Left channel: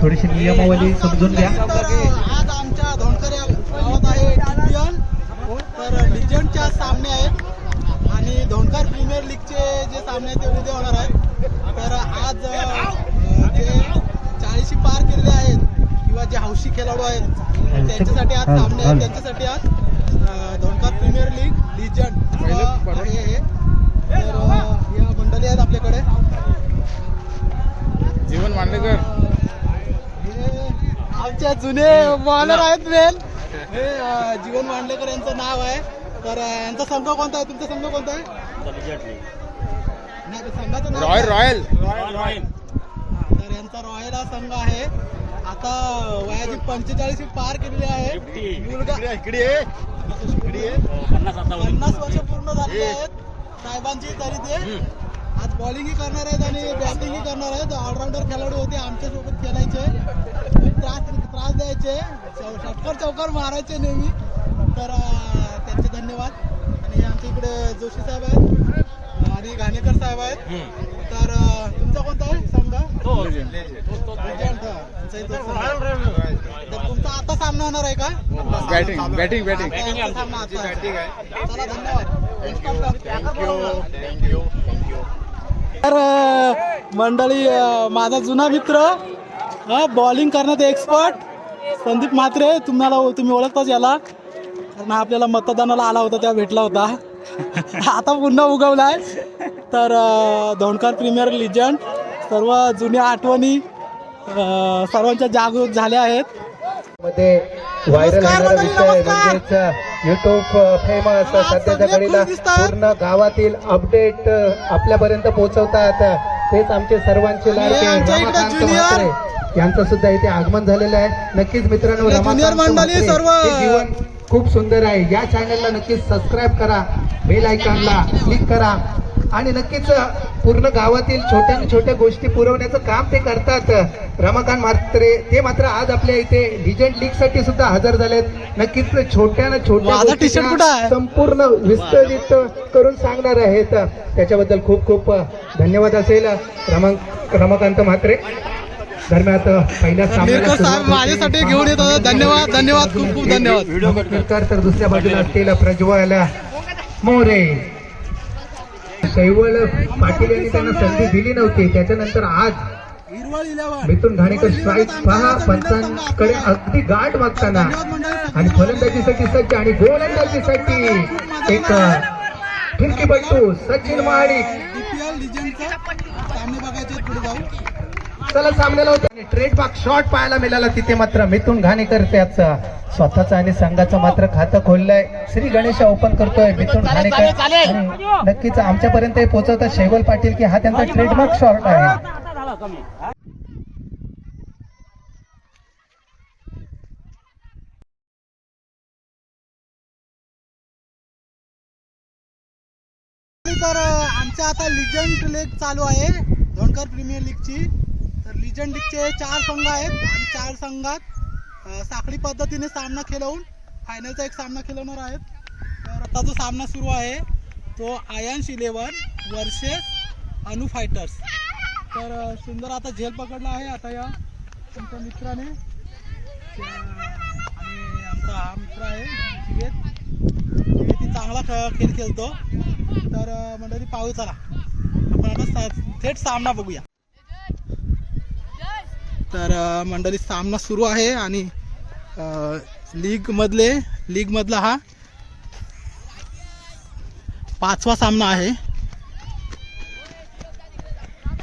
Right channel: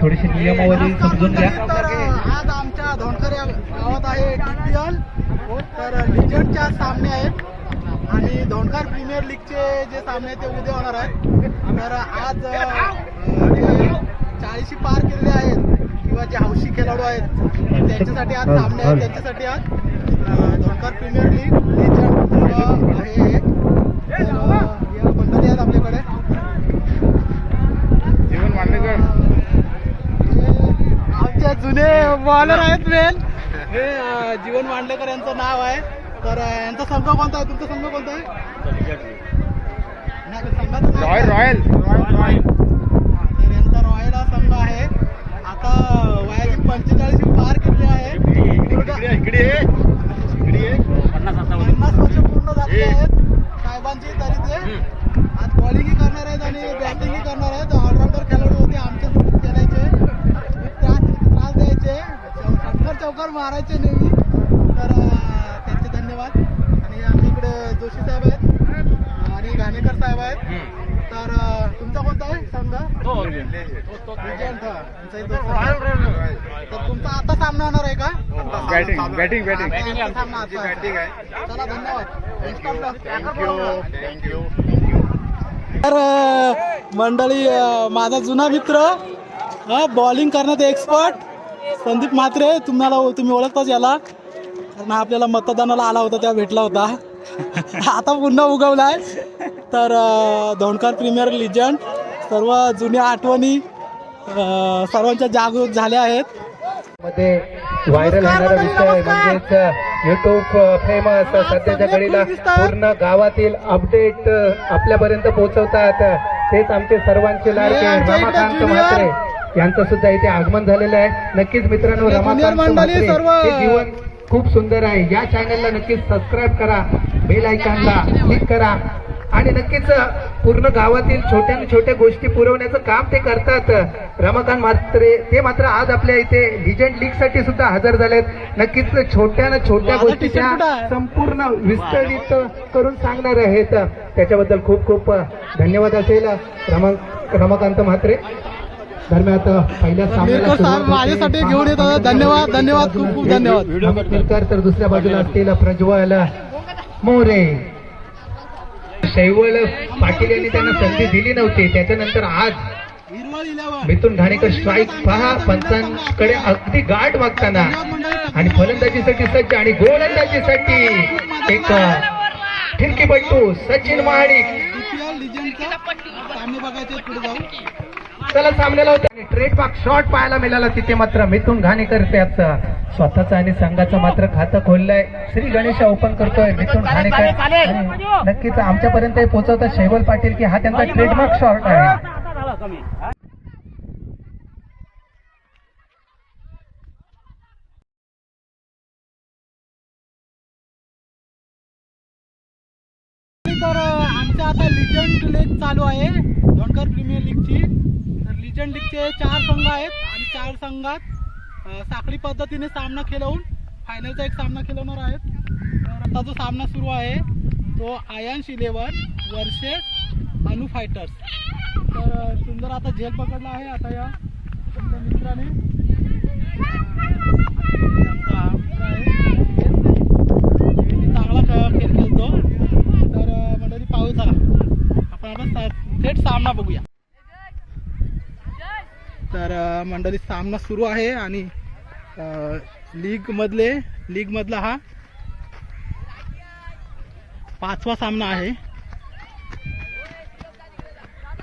थोडीशी नियमावली समजून घ्या. तर आज आमच्या धोंडकर या गावात आहे टीपीएल. तर लिजंडच्या सामने आहेत आणि धोंडकर प्रीमियर लीगचे जे सामने आहेत ते उद्या होणार आहेत. तर आज जे 40 पार केलेले आहेत किंवा जे हौशी खेळाडू आहेत त्यांच्यासाठी आज सामने आहेत. त्यांच्यासाठी आज धोंडकर प्रीमियर लीग लिजंड आहे. तर या मंडळी आहेत आपल्याकडे. जीवन मांडलेकर आमच्या जुने बॉलर आहेत मेन हे जीवन मांडलेकर यांचं नाव आहे. तर यांचा संघ कोणता आहे? तुमचा संघ कोणता आहे? नाही, संघाचं नाव रॉयल. तर यांचा रॉयल हा संघ आहे. आता वयाची 45 पार केलेली आहे. 50 वर्ष पूर्ण झालेली आहेत साहेबांची. तरी ते आज बॉलिंगही करणार आहेत आणि बॅटिंगही करणार आहेत. ऑलराऊंडर खेळाडू होते, आमच्यासोबत खेळायचे, त्रास द्यायचे, चौकार मारायचे नेहमी. तर त्यांचे धन्यवाद. आणि आमच्या इकडे जोशी साहेब आहेत आणि घाणेकर साहेब आहेत. तर तुमचा कोणता आहे संघ? तर तुमचा आता सामना होणार आहे का? बॅटिंग चला, धन्यवाद. थँक्यू. तर मंडळी, माझा जुना मित्र बॉलिंग करण्यात एक्सपर्ट संदीप म्हात्रे, तुम्ही ओळखताच याला, कारण आपल्याला मतदानाला आला होता तेव्हा भेटला होता. आता पुन्हा उगवलाय. तर धोंडकर प्रीमियर लिजंड, सर्व जुन्या आठवणी सर्वांच्या जागृत झाल्या आहेत. मध्ये व्हायरल युट्यूब फेमस सध्याच्या घडीला पूर्ण गावातील अपडेट आपल्यापर्यंत पोहोचवतात. तेच आमचे सर्वांचे लाडके यांचं सुद्धा इथे आगमन झालेलं आहे. नक्कीच मित्रांनो, ज्युनियर मंडळी सर्व खूप सुंदर आहे. या चॅनलला नक्कीच सबस्क्राईब करा, बेल आयकॉनला क्लिक करा आणि नक्कीच पूर्ण गावातील छोट्या गोष्टी पुरवण्याचं काम ते करतात. रमाकांत म्हात्रे ते मात्र आज आपल्या इथे लिजंड लीग साठी सुद्धा हजर झालेत. नक्कीच छोट्या गोष्टी संपूर्ण विस्तारित करून सांगणार आहेत. त्याच्याबद्दल खूप धन्यवाद असेल रमाकांत म्हात्रे. दरम्यान पहिल्या सामन्याला माझ्यासाठी घेऊन येतात. धन्यवाद, खूप धन्यवाद. तर दुसऱ्या बाजूला असलेला प्रज्वल मोरे, शैवळ पाटील यांनी त्यांना संधी दिली नव्हती. त्याच्यानंतर आज मिथुन घाणेकर स्ट्राईक पहा, पंचांकडे अगदी गाठ मागताना आणि फलंदाजीसाठी सज्ज आणि गोलंदाजीसाठी एक फिरकीपट्टू सचिन महाडिक. सामने बघायचे, पुढे जाऊ. चला, सामन्याला होता ट्रेडमार्क शॉट पाहायला मिळाला. तिथे मात्र मिथुन घाणेकर त्याचा स्वतःचा आणि संघाचं मात्र खातं खोललंय. श्री गणेश ओपन करतोय मिथुन घाणेकर आणि नक्कीच आमच्यापर्यंत पोहोचवतात शैवल पाटील की हा त्यांचा ट्रेडमार्क शॉट आहे. तर आमच्या आता लिजंड लीग चालू आहे, धोंडकर प्रीमियर लीगची. तर लिजंड लीगचे 4 संघ आहेत आणि 4 संघात साखळी पद्धतीने सामना खेळवून फायनलचा एक सामना खेळवणार आहेत. तर आता जो सामना सुरू आहे तो आयन्स 11 वर्सेस अनु फायटर्स. तर सुंदर आता झेल पकडला आहे आता या तुमच्या मित्राने. आमचा हा मित्र आहे, चांगला खेळ खेळतो. तर मंडळी पाहू, चला आपण आता थेट सामना बघूया. तर मंडळी सामना सुरू आहे आणि लीगमधला हा 5वा सामना आहे.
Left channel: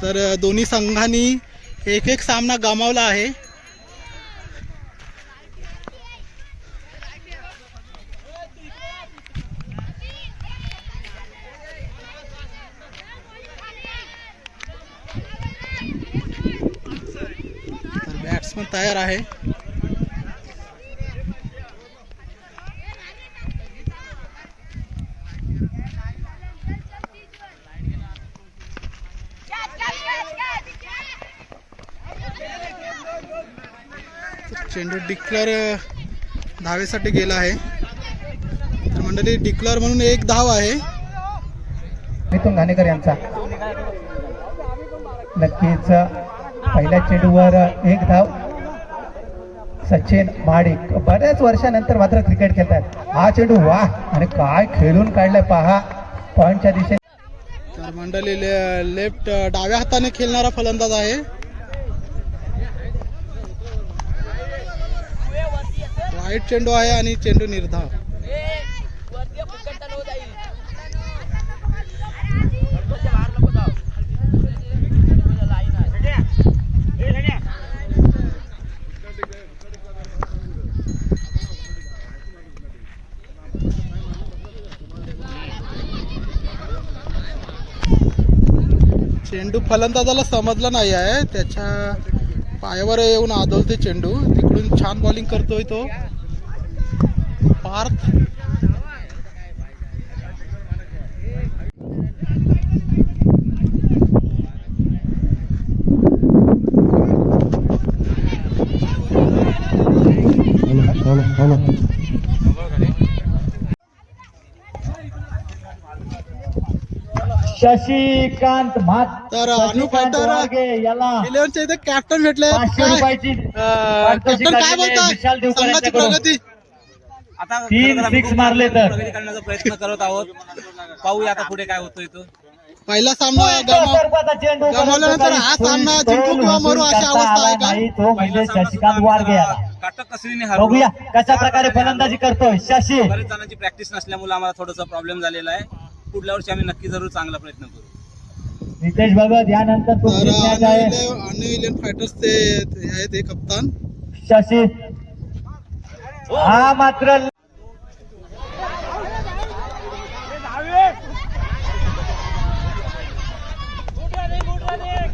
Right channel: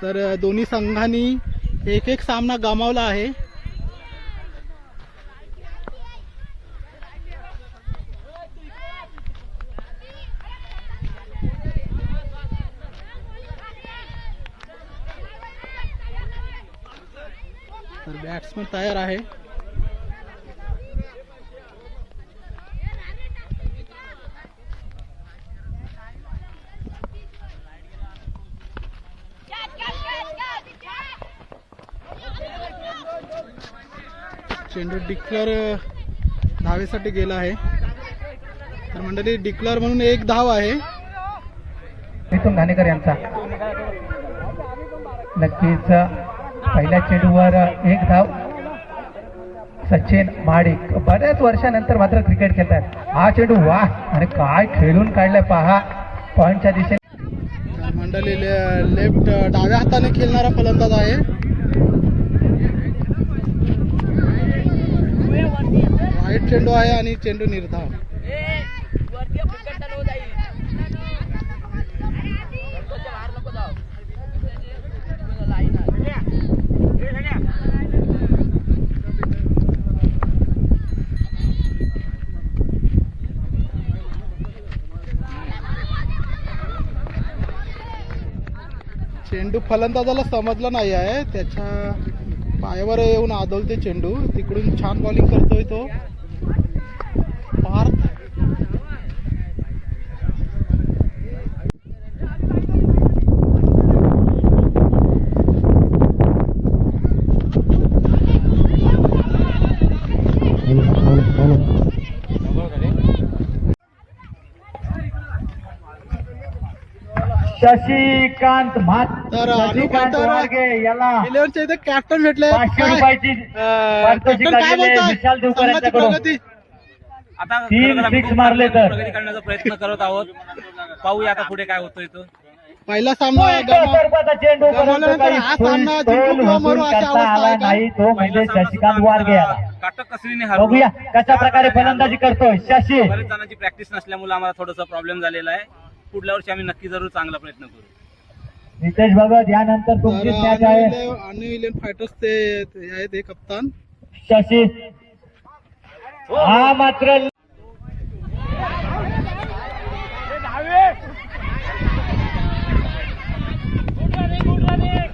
तर दोन्ही संघांनी एक सामना गमावला आहे. बॅट्समन तयार आहे. चेंडू डिक्लेअर धावेसाठी गेला आहे. तर मंडळी डिक्लेअर म्हणून 1 धाव आहे. मिथुन घाणेकर यांचा. नक्कीच पहिल्या चेंडूवर एक धाव. सचिन महाडिक बऱ्याच वर्षानंतर मात्र क्रिकेट खेळतात. हा चेंडू वा आणि काय खेळून काढलाय पहा पॉइंटच्या दिशेने. तर मंडळी लेफ्ट डाव्या हाताने खेळणारा फलंदाज आहे. राईट चेंडू आहे आणि चेंडू निर्धाव. चेंडू फलंदाजाला समजला नाही आहे. त्याच्या पायावर येऊन आदळते चेंडू. तिकडून छान बॉलिंग करतोय तो पार्थ. शशिकांत तर अनु फायटर याला 11च्या इथे कॅप्टन भेटले. कॅप्टन काय बोलताय संघाची प्रगती? आता तीन खरं तर आम्ही six खूप मारले चांगली तर. प्रगती करण्याचा प्रयत्न करत आहोत. पाहूया आता पुढे काय होतोय तो. पहिला सामना गमावल्यानंतर हा सामना जिंकू किंवा मरू अशी अवस्था आहे का? तो पहिला म्हणजे सामना शशिकांत सुद्धा वारगे आम्ही याला. जरा काटक कसरीने हरलो. बघूया कशा चार प्रकारे रनाने फलंदाजी हरलो. करतोय शशी. बरेच जणांची प्रॅक्टिस नसल्यामुळे आम्हाला थोडासा प्रॉब्लेम झालेला आहे. पुढल्या वर्षी आम्ही नक्की जरूर चांगला प्रयत्न करू. नितेश भगत यानंतर तर तुमची मॅच आहे. अनु इलेव्हन फायटर्स ते आहेत हे कप्तान. शशी हा मात्र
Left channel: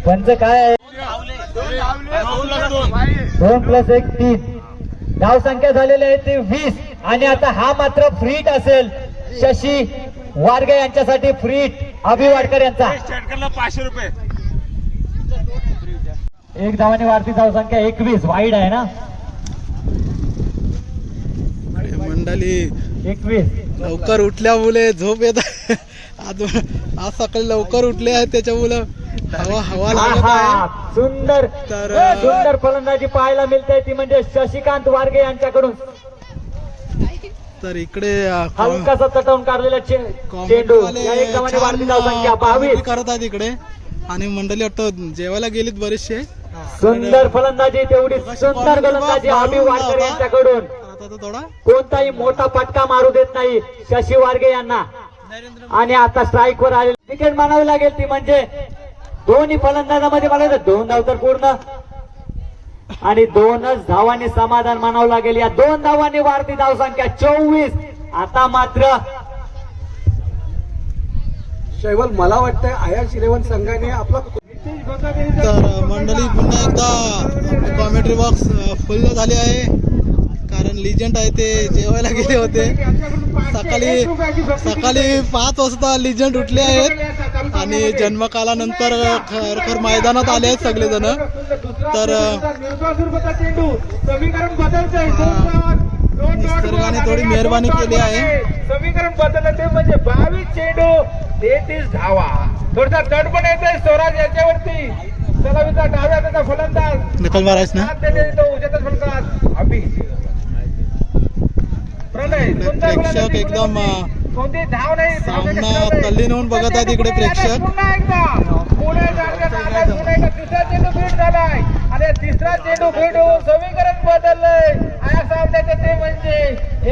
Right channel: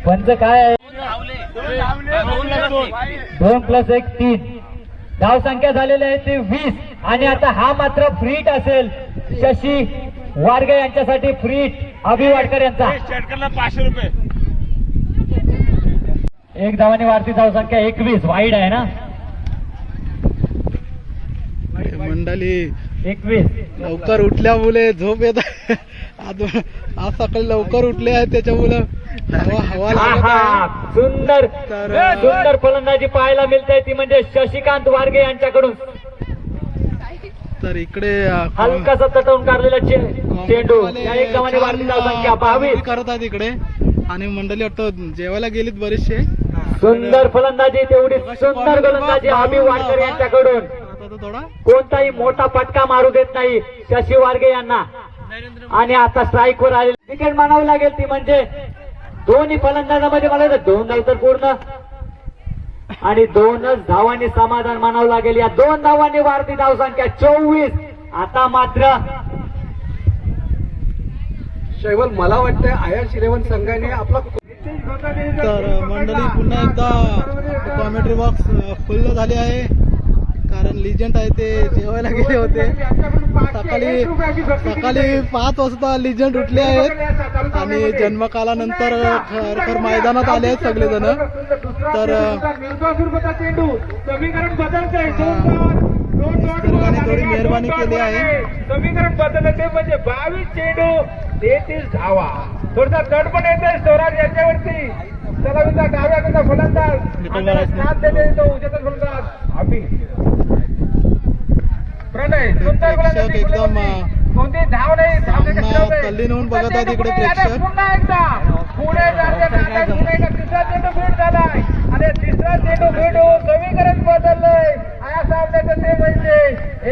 पंच काय आहे? 2+1 3 धाव संख्या झालेली आहे ते 20 आणि आता हा मात्र फ्रीट असेल. शशी वारगे यांच्यासाठी फ्रीट. अभि वाडकर यांचा 500 रुपये. एक धावाने वाढती धाव संख्या 21. वाईड आहे ना मंडळी 21. लवकर उठल्यामुळे झोप येत आहे. आज सकाळी लवकर उठले आहेत त्याच्यामुळे हवा लागत आहे. आहा, सुंदर सुंदर फलंदाजी पाहायला मिळते ती म्हणजे शशिकांत वारगे यांच्याकडून. तर इकडे हलकासा तटवून काढलेला चेंडू. या एक धावाने वाढती धाव संख्या 22. करत आहेत इकडे आणि मंडळी वाटतं जेवायला गेलीत बरेचसे. सुंदर फलंदाजी तेवढी सुंदर फलंदाजी अभि वाडकर यांच्याकडून. आता तो थोडा कोणताही मोठा फटका मारू देत नाही शशी वारगे यांना. आणि आता स्ट्राईक वर आले विकेट मानावी लागेल ती म्हणजे दोन्ही फलंदाजामध्ये मला 2 धाव तर पूर्ण आणि 2च धावांनी समाधान मानावं लागेल. या 2 धावांनी वाढती धाव संख्या 24. आता मात्र शैवल मला वाटतं आयर्स 11 संघाने आपला. तर मंडळी पुन्हा एकदा कॉमेंट्री बॉक्स फुल झाले आहे कारण लिजंड आहे ते जेवायला गेले होते. सकाळी 5 वाजता लिजंड उठले आहेत आणि जन्मकालानंतर खरोखर मैदानात आले आहेत सगळेजण. तर निसर्गाने थोडी मेहरबानी केली आहे. समीकरण बदललं ते म्हणजे 22 चेंडू 33 धावा. थोडासा तड पण येतोय स्वराज याच्यावरती. सलामीचा डाव्या हाताचा फलंदाज निकाल मारायच ना. उजव्या फलंदाज अभि प्रणय. प्रेक्षक एकदम कोणती धाव नाही. सामना तल्लीन होऊन बघत आहेत इकडे प्रेक्षक. पुन्हा एकदा पुणे तिसरा चेंडू फीट झालाय आणि तिसरा चेंडू फीट होऊन समीकरण बदललंय. या सामन्याचं ते म्हणजे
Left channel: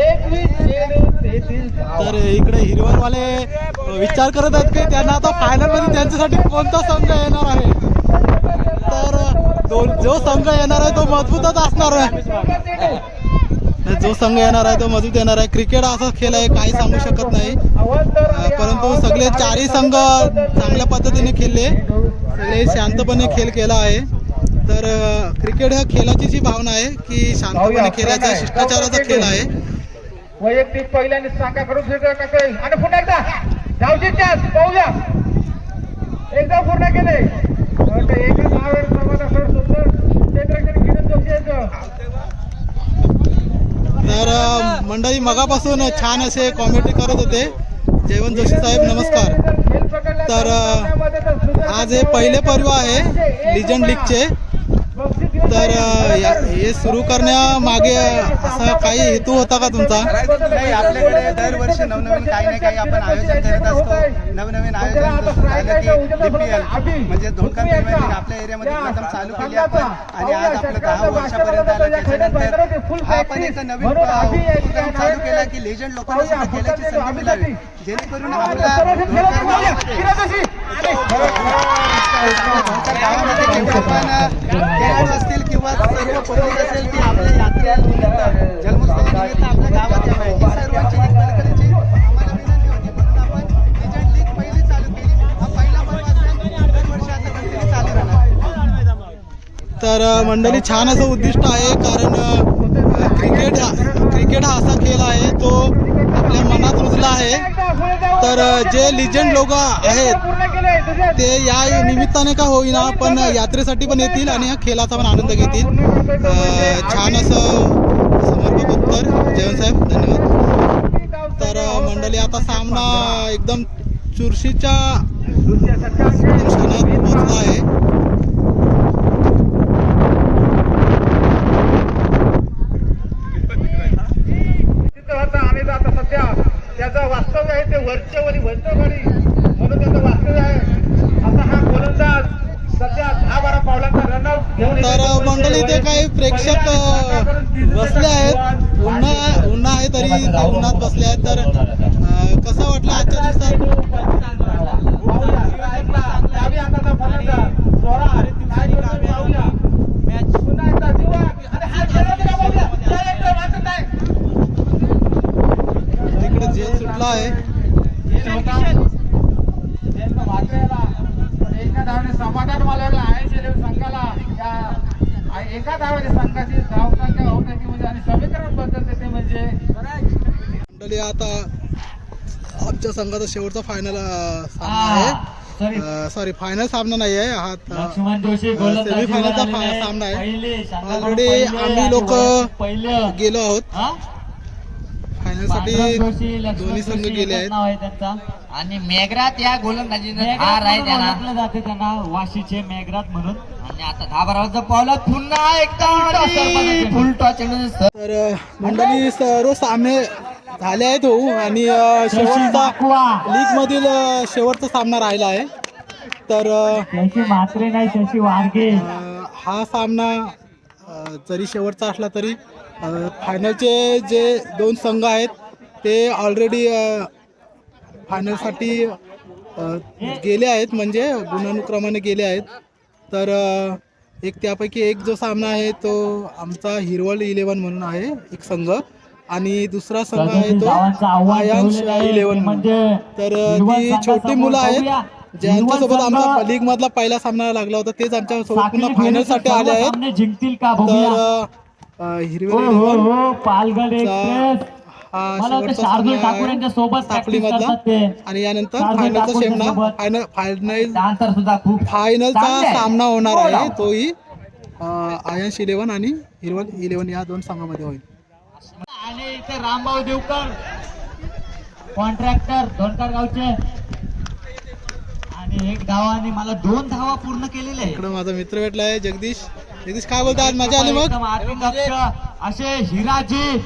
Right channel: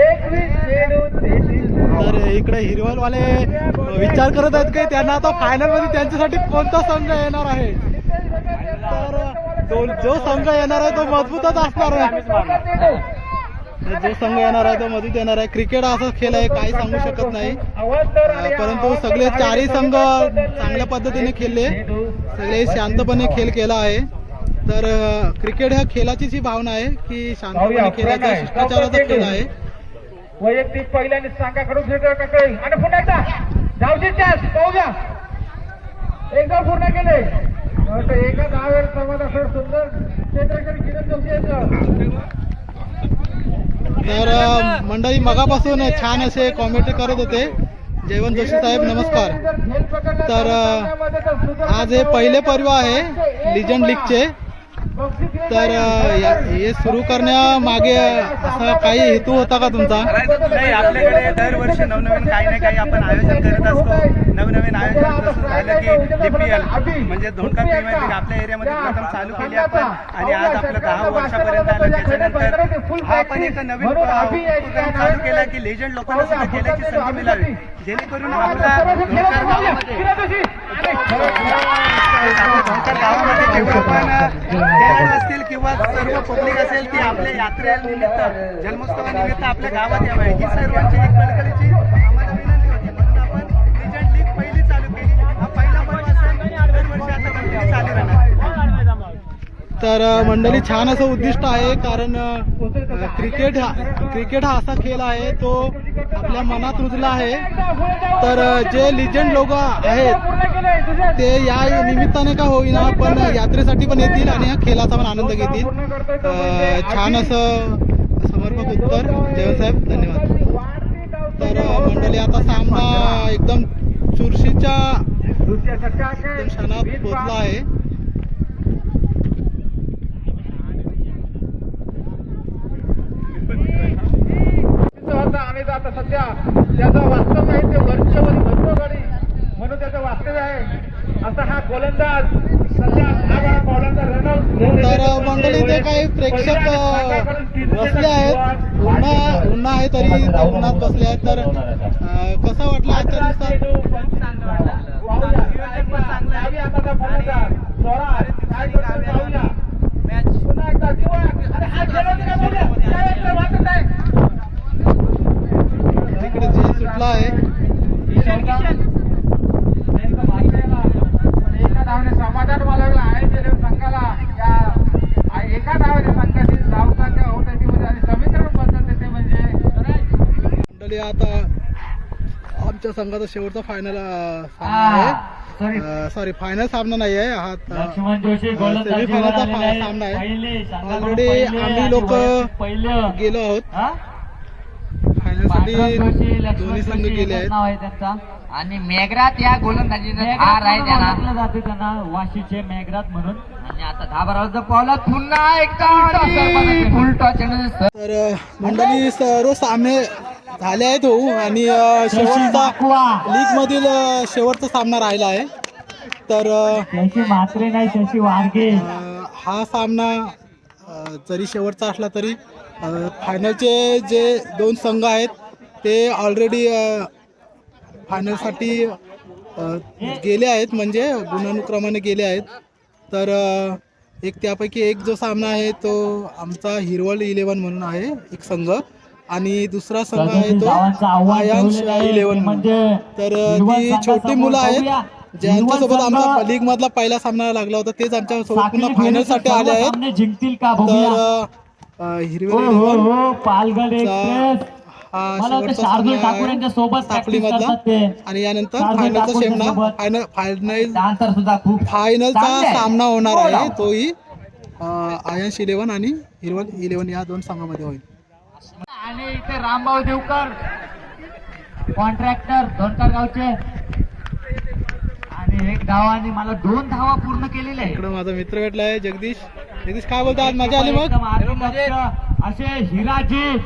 21 चेंडू 33 धावा. तर इकडे हिरवरवाले विचार करत आहेत की त्यांना आता फायनल मध्ये त्यांच्यासाठी कोणता संघ येणार आहे. तर जो संघ येणार आहे तो मजबूतच असणार आहे. जो संघ येणार आहे तो मजबूत येणार आहे. क्रिकेट असा खेळ आहे काही सांगू शकत नाही. परंतु सगळे 4ही संघ चांगल्या पद्धतीने खेळले. सगळे शांतपणे खेळ केला आहे. तर क्रिकेट ह्या खेळाची जी भावना आहे की शांतपणे खेळायचा शिष्टाचाराचा खेळ आहे. वैयक्तिक पहिल्याने संघाकडून आणि पुन्हा एकदा धावची चान्स पाहूया. एकदा पूर्ण केले एका धावेवर प्रमाण असं सुंदर क्षेत्रक्षणी किरण जोशी यायचं. तर मंडळी मगापासून छान असे कॉमेंट्री करत होते. जयवंत जोशी साहेब नमस्कार. खेळ प्रकट तर आज हे पहिले पर्व आहे लिजंड लीगचे. तर हे सुरू करण्यामागे असा काही हेतू होता का तुमचा? नाही, आपल्याकडे दरवर्षी नवनवीन काही ना काही आपण आयोजन करत असतो. नवनवीन आयोजन जसं झालं की DPL म्हणजे धोंडकर प्रीमियर लीग आपल्या एरियामध्ये प्रथम चालू केली आपण आणि आज आपलं 10 वर्षापर्यंत आलं. त्याच्यानंतर हा आपण एक नवीन उपक्रम चालू केला की लेजंड लोकांना सुद्धा खेळायची संधी मिळावी, जेणेकरून आपला धोंडकर गावामध्ये जेवढं पण खेळाडू असतील किंवा सर्व पब्लिक असेल ती आपल्या यात्रेनिमित्त जन्मोत्सवानिमित्त आपल्या गावात यावं ही सर्वांची एक कळकळीची आम्हाला विनंती होती. म्हणून आपण लेजंड लीग पहिली चालू केली. हा पहिला पर्व असेल, दरवर्षी आता कंटिन्यू चालू राहणार. तर मंडळी छान असं उद्दिष्ट आहे, कारण क्रिकेट हा असा खेळ आहे तो आपल्या मनात रुजला आहे. तर जे लिजंड लोक आहेत ते या निमित्ताने का होईना पण यात्रेसाठी पण येतील आणि या खेळाचा पण आनंद घेतील. छान असं समर्पक उत्तर जयवंत साहेब, धन्यवाद. तर मंडळी आता सामना एकदम चुरशीच्या क्षणात पोहोचला आहे. आम्ही आता सध्या त्याचं वास्तव्य आहे ते वर्षभरी भरतोभरी म्हणून त्याचं वास्तव्य आहे. आता हा गोलंदाज सध्या 10-12 पावलांचा रनर. तर मंडळी इथे काही प्रेक्षक बसले आहेत. उन्हा आहे तरी ते उन्हात बसले आहेत. तर कसं वाटलं आजच्या दिवसात? तिकडे जेल सुटला आहे. समाधान मानवला आहे संघाला एका धावाने संघातील धावताच्या होण्याची आणि समीकरण पद्धती म्हणजे मंडळी आता आमच्या संघाचा शेवटचा फायनल सामना आहे. सॉरी, फायनल सामना नाही आहे हा, सेमी फायनलचा सामना आहे. ऑलरेडी आम्ही लोक गेलो आहोत फायनल साठी. दोन्ही संघ गेले आहेत. आणि मेघरात या गोलंदाजीचा हार आहे त्यांना जाते त्यांना वाशीचे मेघरात म्हणून. आणि आता 10-12 पावलात पुन्हा एकदा तर मंडळी सर्व सामने झाले आहेत हो आणि शेवटचा लीग मधील शेवटचा सामना राहिला आहे. तर मात्रे नाही शशी वारगे हा सामना जरी शेवटचा असला तरी फायनलचे जे 2 संघ आहेत ते ऑलरेडी फायनलसाठी गेले आहेत, म्हणजे गुणानुक्रमाने गेले आहेत. तर त्यापैकी एक जो सामना आहे तो आमचा हिरवळ 11 म्हणून आहे एक संघ आणि दुसरा संघ आहे तो आयांश 11. तर ती छोटी मुलं आहेत ज्यांच्यासोबत आमचा लीग मधला पहिला सामना लागला होता तेच आमच्या सोबत पुन्हा फायनल साठी आले आहेत. जिंकतील का? तर हिरवळ पालघर एक्सप्रेस शार्दूल ठाकूर यांच्या सोबत साखळी मधला आणि यानंतर फायनलचा फायनलचा सामना होणार आहे तोही आयांश 11 आणि हिरवळ 11 या 2 संघामध्ये होईल. आणि इथे रामभाऊ देवकर कॉन्ट्रॅक्टर धोंडकर गावचे आणि 1 धावा आणि मला 2 धावा पूर्ण केलेले आहे. इकडे माझा मित्र भेटला आहे जगदीश. काय बोलता? आज मजा आली मग? असे हिराजी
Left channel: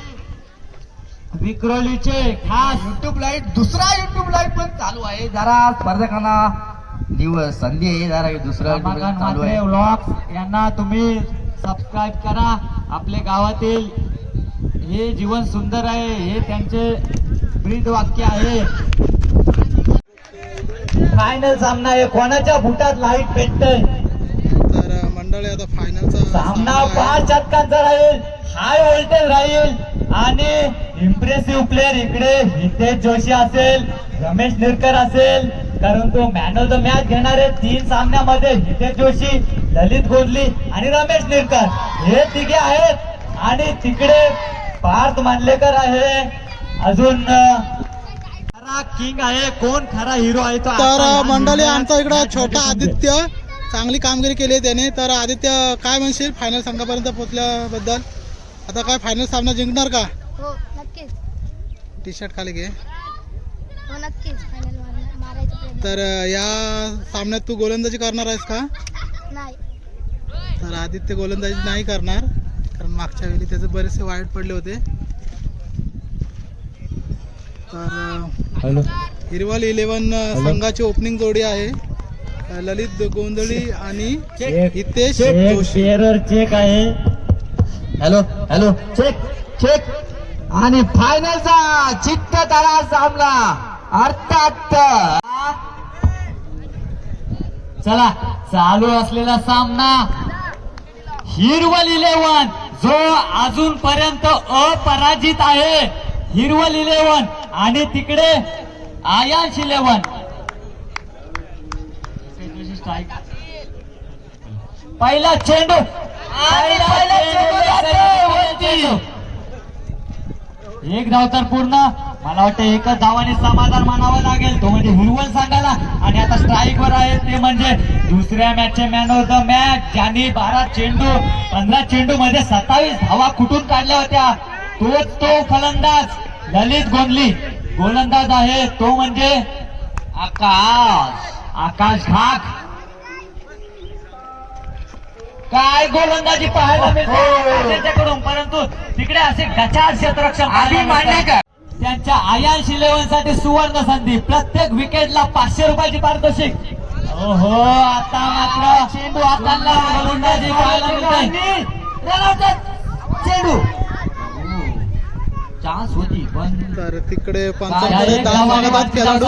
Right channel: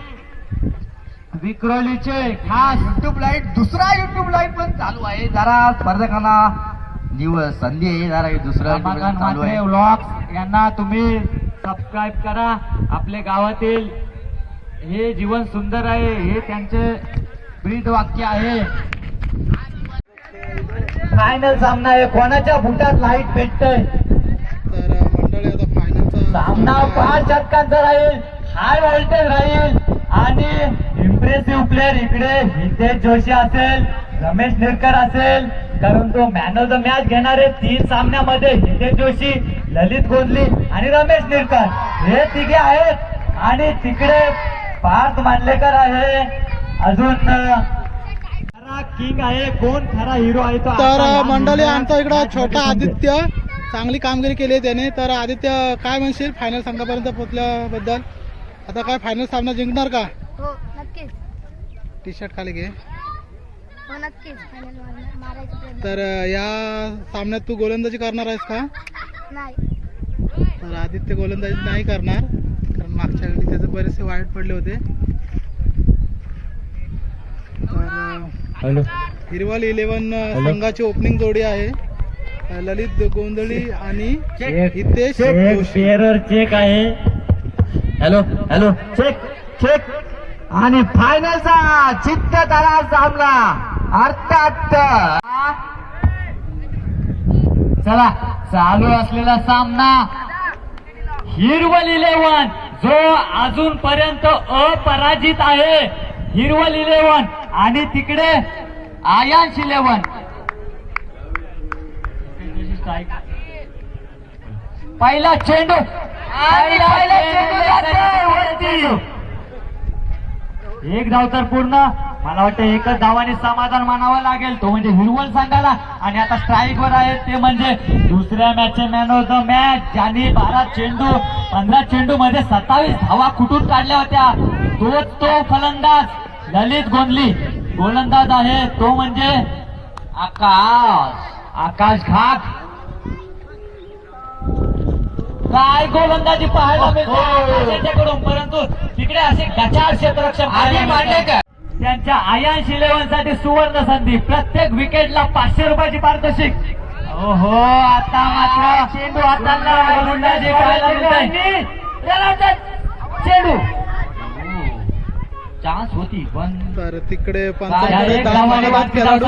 विक्रोलीचे खास युट्यूब लाईव्ह, दुसरा युट्यूब लाईव्ह पण चालू आहे. जरा स्पर्धकांना संधी आहे, जरा दुसरा चालू आहे व्लॉग. यांना तुम्ही सबस्क्राईब करा. आपल्या गावातील हे जीवन सुंदर आहे हे त्यांचे ब्रीद वाक्य आहे. फायनल सामना आहे, कोणाच्या बुटात लाईट भेटतंय. तर मंडळी आता फायनलचा सामना 5 षटकांचा राहील, हाय व्होल्टेज राहील आणि इम्प्रेसिव्ह प्लेअर इकडे हितेश जोशी असेल, रमेश निरकर असेल, कारण तो मॅन ऑफ द मॅच घेणार आहे 3 सामन्यामध्ये. हितेश जोशी, ललित गोंधली आणि रमेश निरकर हे तिघे आहेत. आणि तिकडे पार्थ मांडलेकर आहे, अजून खरा किंग आहे. कोण खरा हिरो आहे तो? तर मंडळी आमचा इकडं छोटा आदित्य चांगली कामगिरी केली आहे त्याने. तर आदित्य काय म्हणशील फायनल संघापर्यंत पोहोचल्याबद्दल? आता काय फायनल सामना जिंकणार का? हो नक्कीच. टी शर्ट खाली घे. हो नक्कीच फायनल मारायचा प्रयत्न. तर या सामन्यात तू गोलंदाजी करणार आहेस का? नाही. तर आदित्य गोलंदाजी नाही करणार, कारण मागच्या वेळी त्याचे बरेचसे वाईट पडले होते. तर हिरवल 11 संघाची ओपनिंग जोडी आहे ललित गोंधळी आणि हितेश जोशी. चेक आहे. Hello hello check check. आणि फायनलचा चित्तदारा सामना अर्थात चला चालू असलेला सामना हिरवल 11 जो अजूनपर्यंत अपराजित आहे. हिरवल 11 आणि तिकडे आयांश 11. पहिला चेंडू एक धाव तर पूर्ण. मला वाटतं एकच धावाने समाधान मानावं लागेल, तो म्हणजे हिरवल संघाला. आणि आता स्ट्राईक वर आहे ते म्हणजे दुसऱ्या मॅचचे मॅन ऑफ द मॅच, ज्यांनी 15 चेंडू मध्ये 27 धावा कुठून काढल्या होत्या. तोच तो फलंदाज ललित गोंधळी. गोलंदाज आहे तो म्हणजे आकाश घाग. काय गोलंदाजी पाहायला मिळते त्यांच्याकडून, परंतु तिकडे असे गचाळ क्षेत्ररक्षण त्यांच्या आयांश 11 साठी सुवर्ण संधी. प्रत्येक विकेटला 500 रुपयाची पारितोषिक. ओहो आता मात्र चेंडू हाताला गोलंदाजी पाहायला मिळते. चेंडू चान्स होती पण तर तिकडे पंचांकडे 10 मागतात खेळाडू.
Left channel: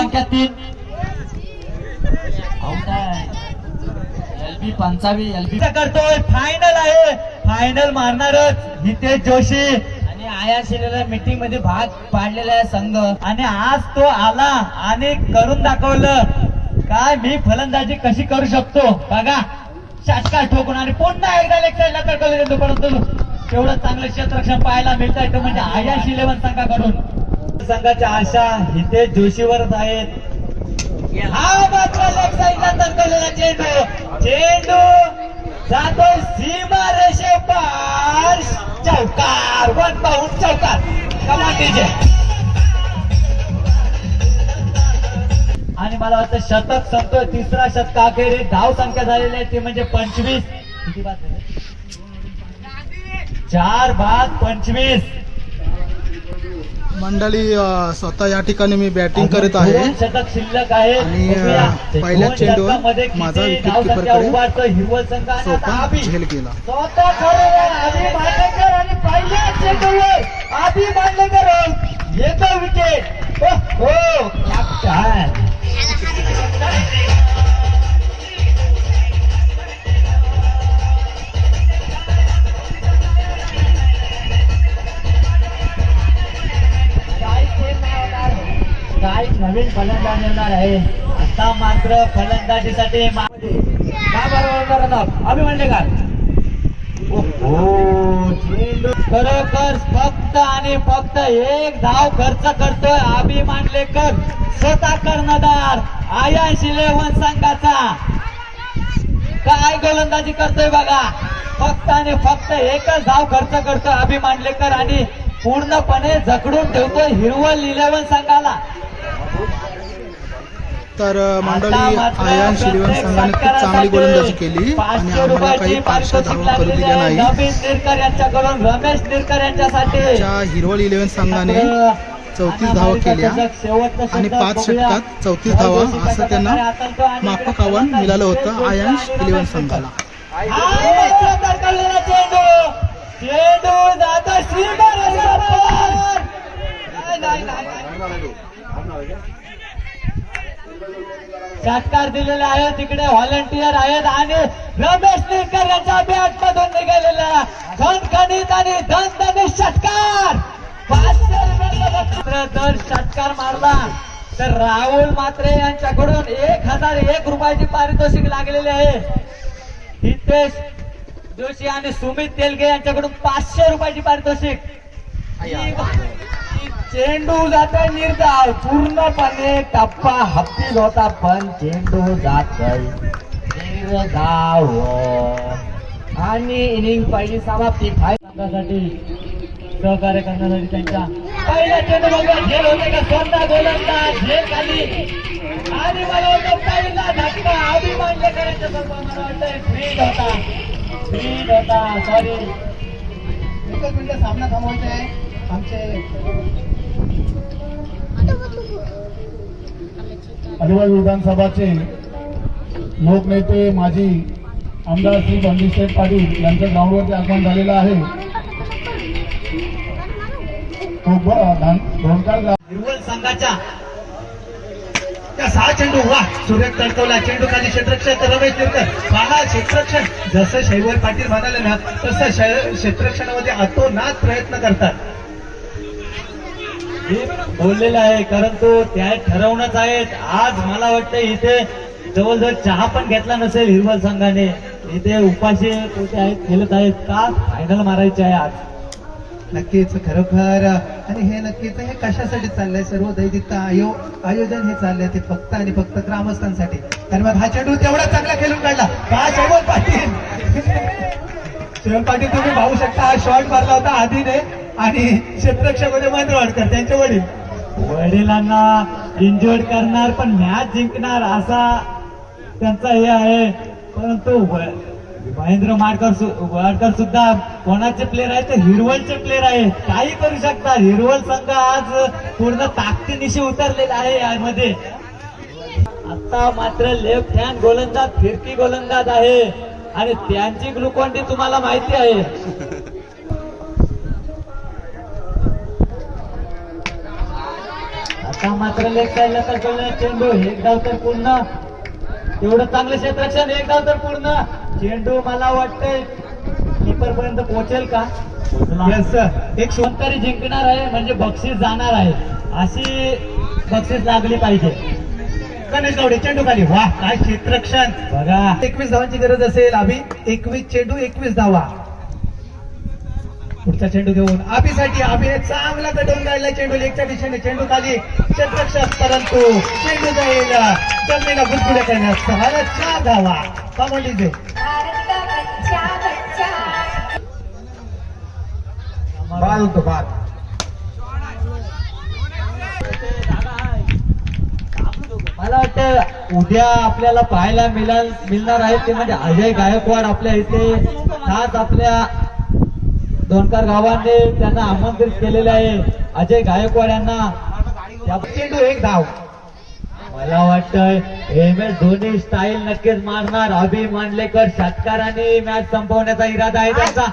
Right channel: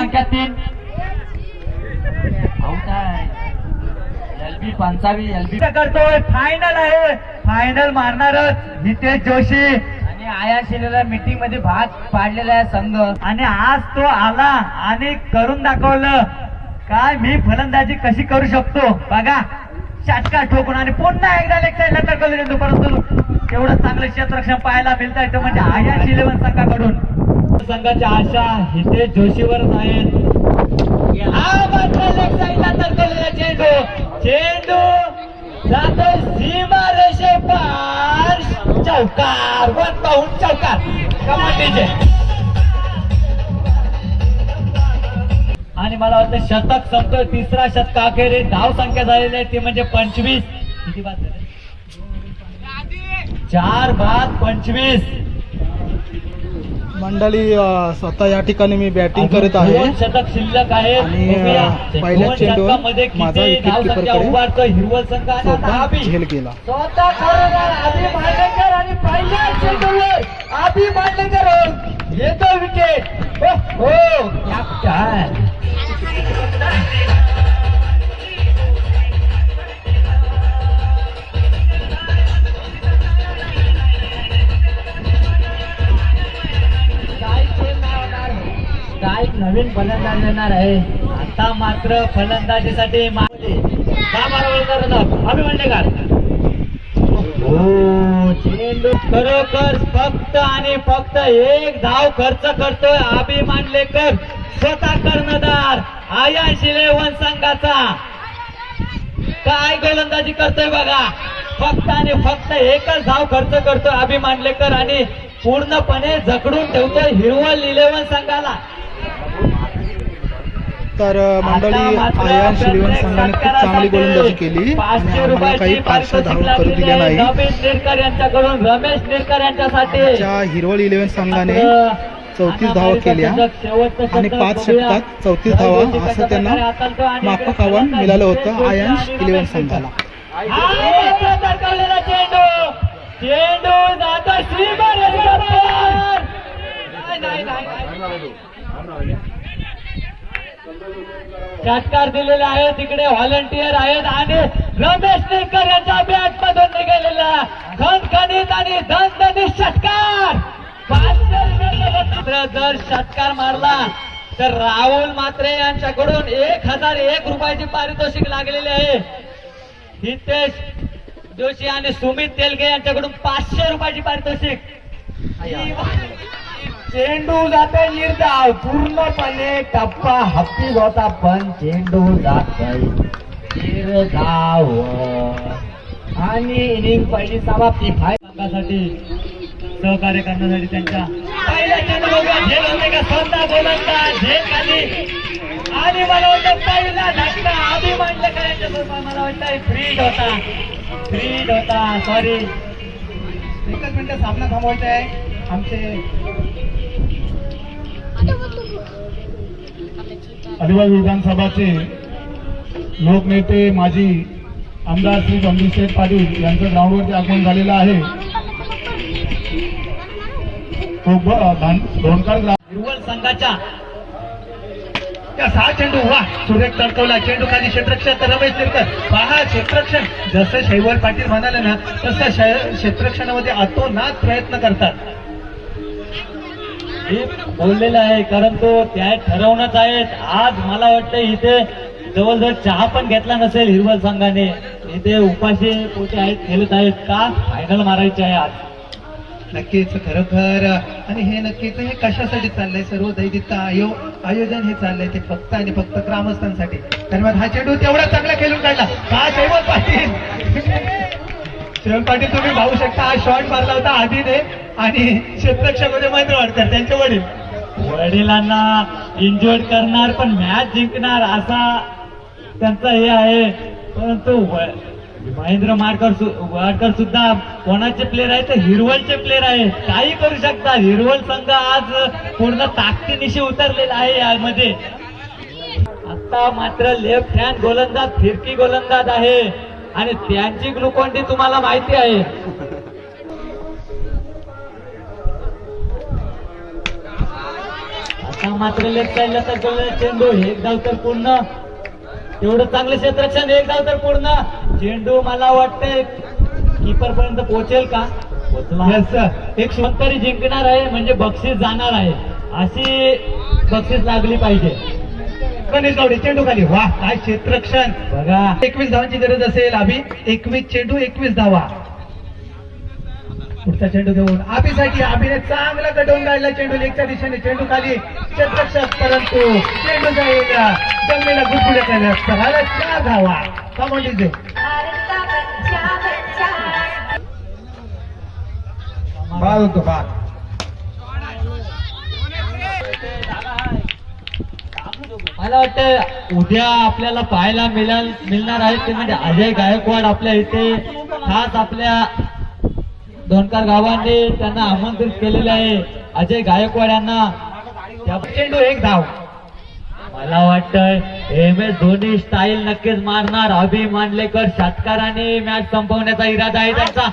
करतोय. फायनल आहे, फायनल मारणारच हितेश जोशी. आणि आया मीटिंग मध्ये भाग पाडलेला आहे संघ, आणि आज तो आला आणि करून दाखवलं काय मी फलंदाजी कशी करू शकतो. बघा षटकार ठोकून आणि पुन्हा एकदा लेग साईडला टाकलं. परंतु तेवढं चांगलं क्षेत्ररक्षण पाहायला मिळत आहे म्हणजे आयांश 11 संघाकडून. संघाच्या आशा हितेश जोशीवरच आहेत. हा मात्र लेग साईडला तरकवलेला चेंडू जातो सीमा रेषे पार. चौकार, 1 बाउंड चौकार. कमाल. आणि मला वाटतं शतक संपतो. तिसरा शतक अखेर धाव संख्या झालेली आहे ती म्हणजे 25. किती बाद झाले? 4 बाद 25. मंडळी स्वतः या ठिकाणी मी बॅटिंग करत आहे शतक शिल्लक आहे आणि पहिल्या चेंडूवर माझा विकेट किपरकडे हिरवल संघ स्वतः झेल गेला. स्वतः खरोखर आधी मांडलेकर आणि पहिल्या चेंडूवर आधी मांडलेकर येतो विकेट. हो कॅप्टन. स्ट्राईक नवीन फलंदाज येणार आहे. आता मात्र फलंदाजीसाठी चेंडू खरोखर फक्त आणि फक्त एक धाव खर्च करतोय आबी मांडलेकर. स्वतः कर्णधार आयांश 11 संघाचा. काय गोलंदाजी करतोय बघा. फक्त आणि फक्त एकच धाव खर्च करतोय आबी मांडलेकर आणि पूर्णपणे जखडून ठेवतोय हिरवल 11 संघाला. तर मंडळी आयांश 11 संघाने खूप चांगली गोलंदाजी केली आणि आम्हाला काही फारशा धावा करू दिल्या नाही. रमेश निरकर यांच्यासाठी आमच्या हिरवल 11 संघाने 34 धावा केल्या आणि 5 षटकात 34 धावा असं त्यांना माफक आव्हान मिळालं होतं आयांश 11 संघाला. षटकार दिलेले आहे. तिकडे व्हॉलेंटियर आहेत आणि रमेश नेकर यांच्या बॅट मधून निघालेला खणखणीत आणि धनधनीत षटकार. 500 जर षटकार मारला तर राहुल मात्रे यांच्याकडून 1001 रुपयाची पारितोषिक लागलेली आहे. हितेश जोशी आणि सुमित तेलगे यांच्याकडून 500 रुपयाची पारितोषिक. चेंडू जातोय निर्धाव. पूर्णपणे टप्पा हप्पीच होता पण चेंडू जातोय निर्धाव आणि इनिंग पहिली समाप्ती. संघासाठी सहकार्य करण्यासाठी त्यांच्या पहिल्या चेंडूला झेल होते का स्वतः गोलंदाज झेल खाली आणि मला वाटतं पहिला धक्का अभिमान करायचं मला वाटतं फ्रीड होता सॉरी. एकच मिनिटं सामना थांबवायचा आहे आमचे अलिबाग विधानसभाचे लोकनेते माजी आमदार श्री बंडूशेठ पाटील यांचं ग्राउंडवरती आगमन झालेलं आहे. धोणकर हिरवळ संघाच्या त्या 6 चेंडू वा सुरेख तडकवला चेंडू खाली क्षेत्ररक्षक रमेश तिरकर पहा क्षेत्ररक्षण जसं शैवल पाटील म्हणाले ना तसं क्षेत्ररक्षणामध्ये अतोनात प्रयत्न करतात. हे बोललेलं आहे कारण तो त्या ठरवणंच आहेत. आज मला वाटतं इथे जवळजवळ चहा पण घेतला नसेल हिरवळ संघाने. इथे उपाशी पोटे आहेत खेळत आहेत का फायनल मारायचे आहे आज. नक्कीच खरोखर आणि हे नक्कीच हे कशासाठी चाललंय सर्व दैदित्य आयोजन हे चाललंय ते फक्त आणि फक्त ग्रामस्थांसाठी. तर मग हा चेंडू तेवढा चांगला खेळून काढला का शैवल पाटील. शैवल पाटील तुम्ही पाहू शकता हा शॉट मारला होता आधीने आणि क्षेत्ररक्षक होते महेंद्र वाडकर त्यांचे वडील. वडिलांना इंजर्ड करणार पण मॅच जिंकणार असा त्यांचा हे आहे. परंतु महेंद्र वाडकर सुद्धा कोणाचे प्लेअर आहेत तर हिरवलचे प्लेअर आहेत. काही करू शकतात. हिरवल संघ आज पूर्ण ताकदीनिशी उतरलेला आहे यामध्ये. आता मात्र लेफ्ट हँड गोलंदाज फिरकी गोलंदाज आहे आणि त्यांची ग्लुकॉन डी तुम्हाला माहिती आहे. आता मात्र लेफ्ट साईडला तर चेंडू एक धाव तर पूर्ण. एवढं चांगलं क्षेत्ररक्षण एक धाव तर पूर्ण. चेंडू मला वाटतंय कीपर पर्यंत पोहोचेल का. एक तरी जिंकणार आहे म्हणजे बक्षीस जाणार आहे अशी बक्षीस लागली पाहिजे. गणेश गावडे चेंडू खाली वा काय क्षेत्ररक्षण बघा. 21 धावांची गरज असेल अभि 21 चेंडू 21 धावा. पुढचा चेंडू घेऊन आबीसाठी आबीने चांगला कटवून काढला चेंडू लेगच्या दिशेने. चेंडू खाली क्षेत्ररक्षक परंतु चेंडू जाईल जमिनीला गुदगुड्या करण्यास सहाला 4 धावा. कमांडी देऊ बाद होतो बाद. मला वाटतं उद्या आपल्याला पाहायला मिळणार आहे ते म्हणजे अजय गायकवाड आपल्या इथे खास आपल्या धोणकर गावाने त्यांना आमंत्रित केलेले आहे. अजय गायकवाड यांना चेंडू 1 धाव. मला वाटतंय MS धोनी स्टाईल नक्कीच मारणार. अभि मांडलेकर षटकाराने मॅच संपवण्याचा इरादा आहे त्यांचा.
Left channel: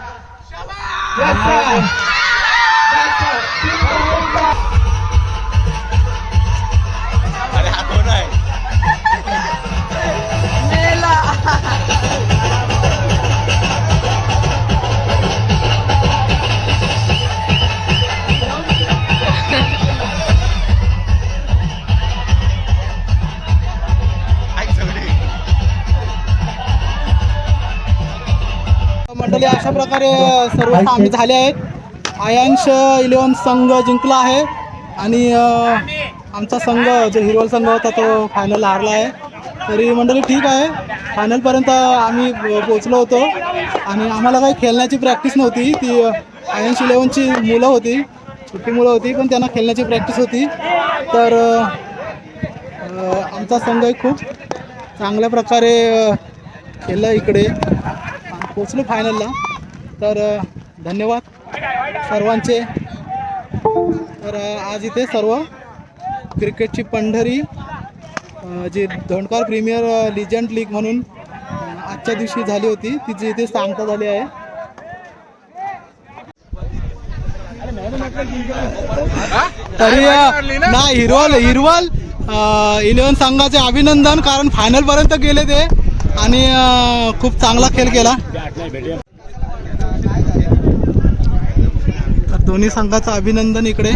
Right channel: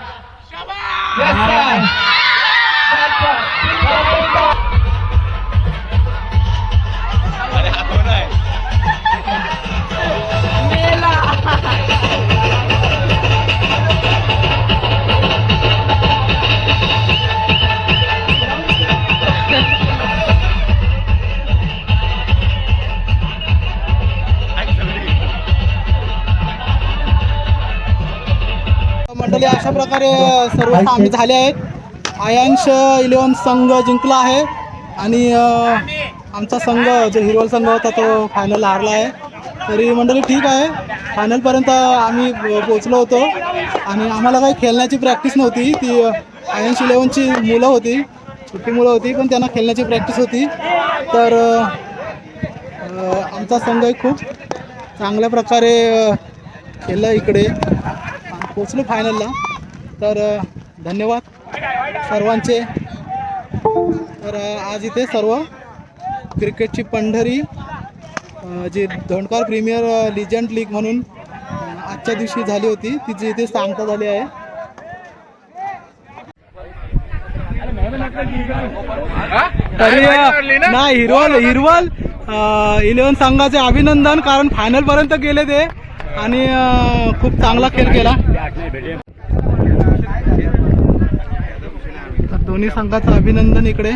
मंडळी अशा प्रकारे सर्व सामने झाले आहेत. आयांश 11 संघ जिंकला आहे आणि आमचा संघ जो हिरवल संघ होता तो फायनल हारला आहे. तरी मंडळी ठीक आहे. फायनलपर्यंत आम्ही पोचलो होतो आणि आम्हाला काही खेळण्याची प्रॅक्टिस नव्हती. ती आयांश 11ची मुलं होती, छोटी मुलं होती पण त्यांना खेळण्याची प्रॅक्टिस होती. तर आमचा संघ खूप चांगल्या प्रकारे खेळला इकडे पोचलो फायनलला. तर धन्यवाद सर्वांचे. तर आज इथे सर्व क्रिकेटची पंढरी जी धोणकर प्रीमियर लिजंड लीग म्हणून आजच्या दिवशी झाली होती तिची इथे सांगता झाली आहे. तरी नाही हिरवल 11 संघाचे अभिनंदन कारण फायनलपर्यंत गेले ते आणि खूप चांगला खेळ केला. तर दोन्ही संघाचं अभिनंदन इकडे.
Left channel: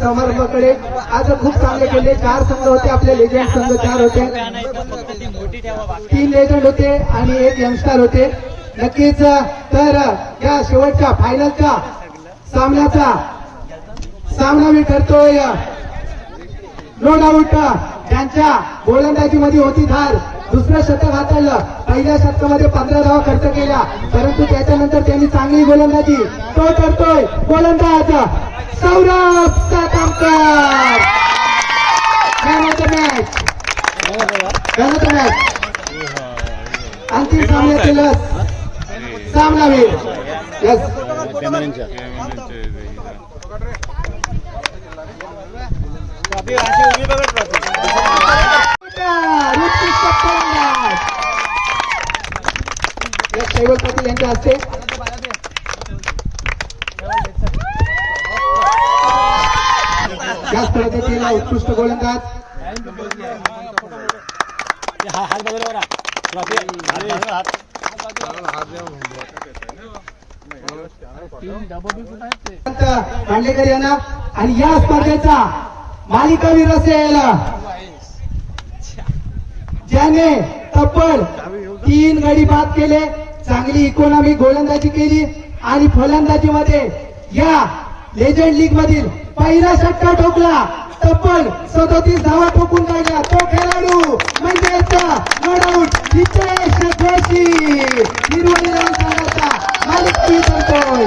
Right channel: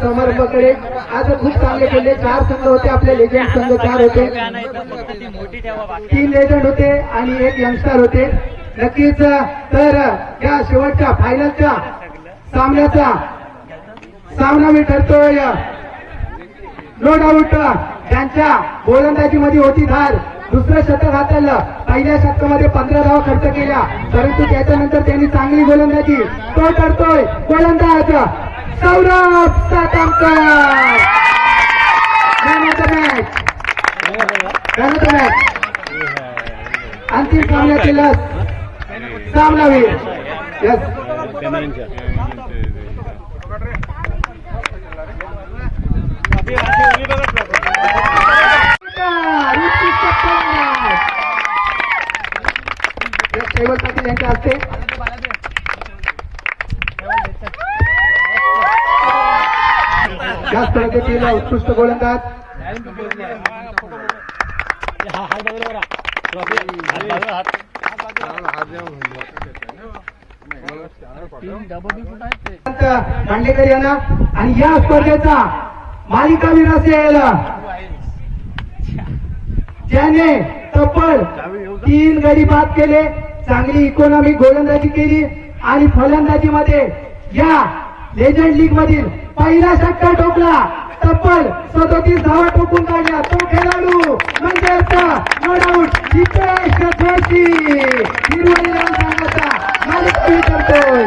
समारंभाकडे आज खूप चांगले खेळले. 4 संघ होते आपले लेजंड संघ 4 होते. 3 लेजंड होते आणि 1 यंगस्टर होते. नक्कीच तर या शेवटच्या फायनलच्या सामना मी करतोय नो डाऊट त्यांच्या गोलंदाजीमध्ये होती धार दुसरं शतक हाताळलं. पहिल्या शतकामध्ये 15 धावा खर्च केल्या, परंतु त्याच्यानंतर त्यांनी चांगली गोलंदाजी तो करतोय. गोलंदाज सौरभ सातामकर. मॅच अंतिम सामन्यातील सामनावीर. यस, शैवल पाटील यांच्या हस्ते याच पद्धतीला उत्कृष्ट गोलंदाज मांडलेकर यांना आणि या स्पर्धेचा मालिकावीर असेल ज्याने तब्बल 3 गडी बाद केले, चांगली इकॉनॉमी गोलंदाजी केली आणि फलंदाजीमध्ये या लेजंड लीग मधील पहिला षटकार ठोकला. तब्बल 37 धावा ठोकून काढल्या. तो खेळाडू म्हणजेच नो डाऊट हितेश जोशी, हिरवणी लाल संघाचा मालिकावीर करतोय.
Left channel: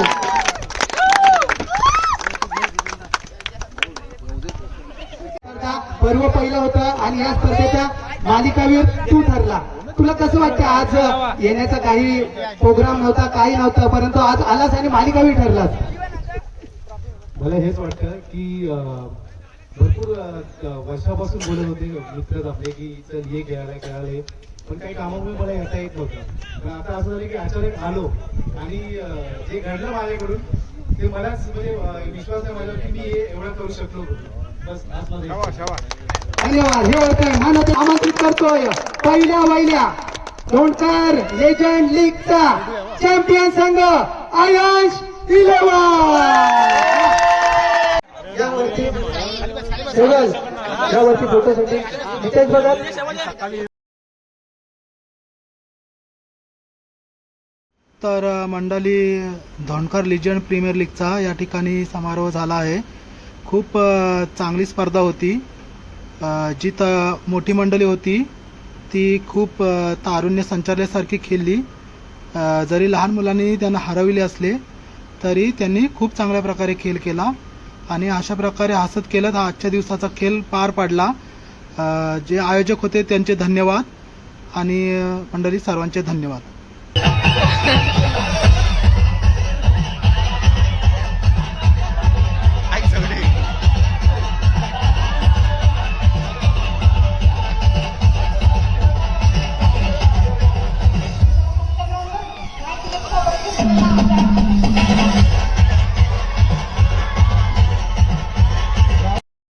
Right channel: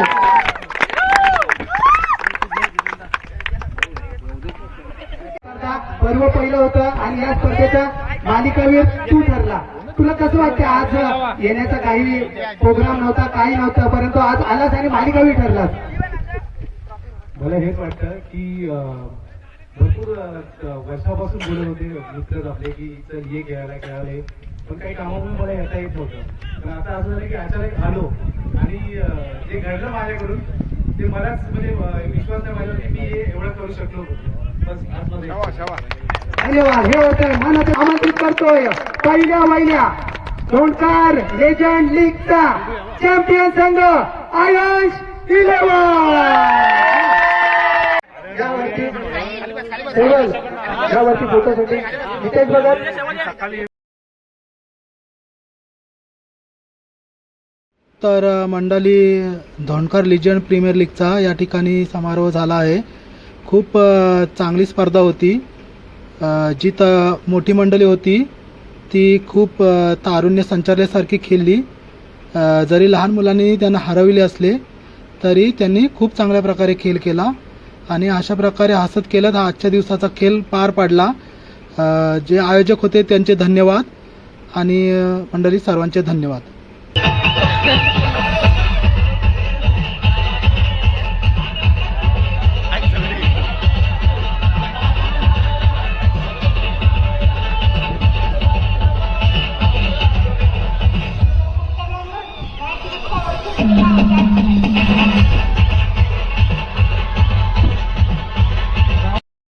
पर्व पहिलं होतं आणि या स्पर्धेचा मालिकावीर तू ठरला. तुला कसं वाटतं, आज येण्याचा काही प्रोग्राम नव्हता, काही नव्हतं, परंतु आज आलास आणि मालिकावीर ठरलास? मला हेच वाटतं की भरपूर वर्षापासून बोलत होते मित्र आपले की चल ये खेळायला ये, पण काही कामामुळे मला येता येत नव्हतं. पण आता असं झालं की अचानक आलो आणि जे घडलं माझ्याकडून ते मलाच म्हणजे विश्वास नाही माझ्यावर की मी हे एवढं करू शकलो होतो. बस आज माझं धन्यवाद. हे होते मानवते आमंत्रित करतोय पहिल्या धोंडकर लेजंड लीगचा चॅम्पियन संघ आयश 11. यावरती फोटोसाठी नितेश भगत. तर मंडळी, धोंडकर लिजंड प्रीमियर लीगचा या ठिकाणी समारोह झाला आहे. खूप चांगली स्पर्धा होती. जी मोठी मंडळी होती ती खूप तारुण्य संचारल्यासारखी खेळली. जरी लहान मुलांनी त्यांना हरविले असले तरी त्यांनी खूप चांगल्या प्रकारे खेळ केला आणि अशा प्रकारे हसत खेळत हा आजच्या दिवसाचा खेळ पार पाडला. जे आयोजक होते त्यांचे धन्यवाद आणि मंडळी सर्वांचे धन्यवाद. Thank you.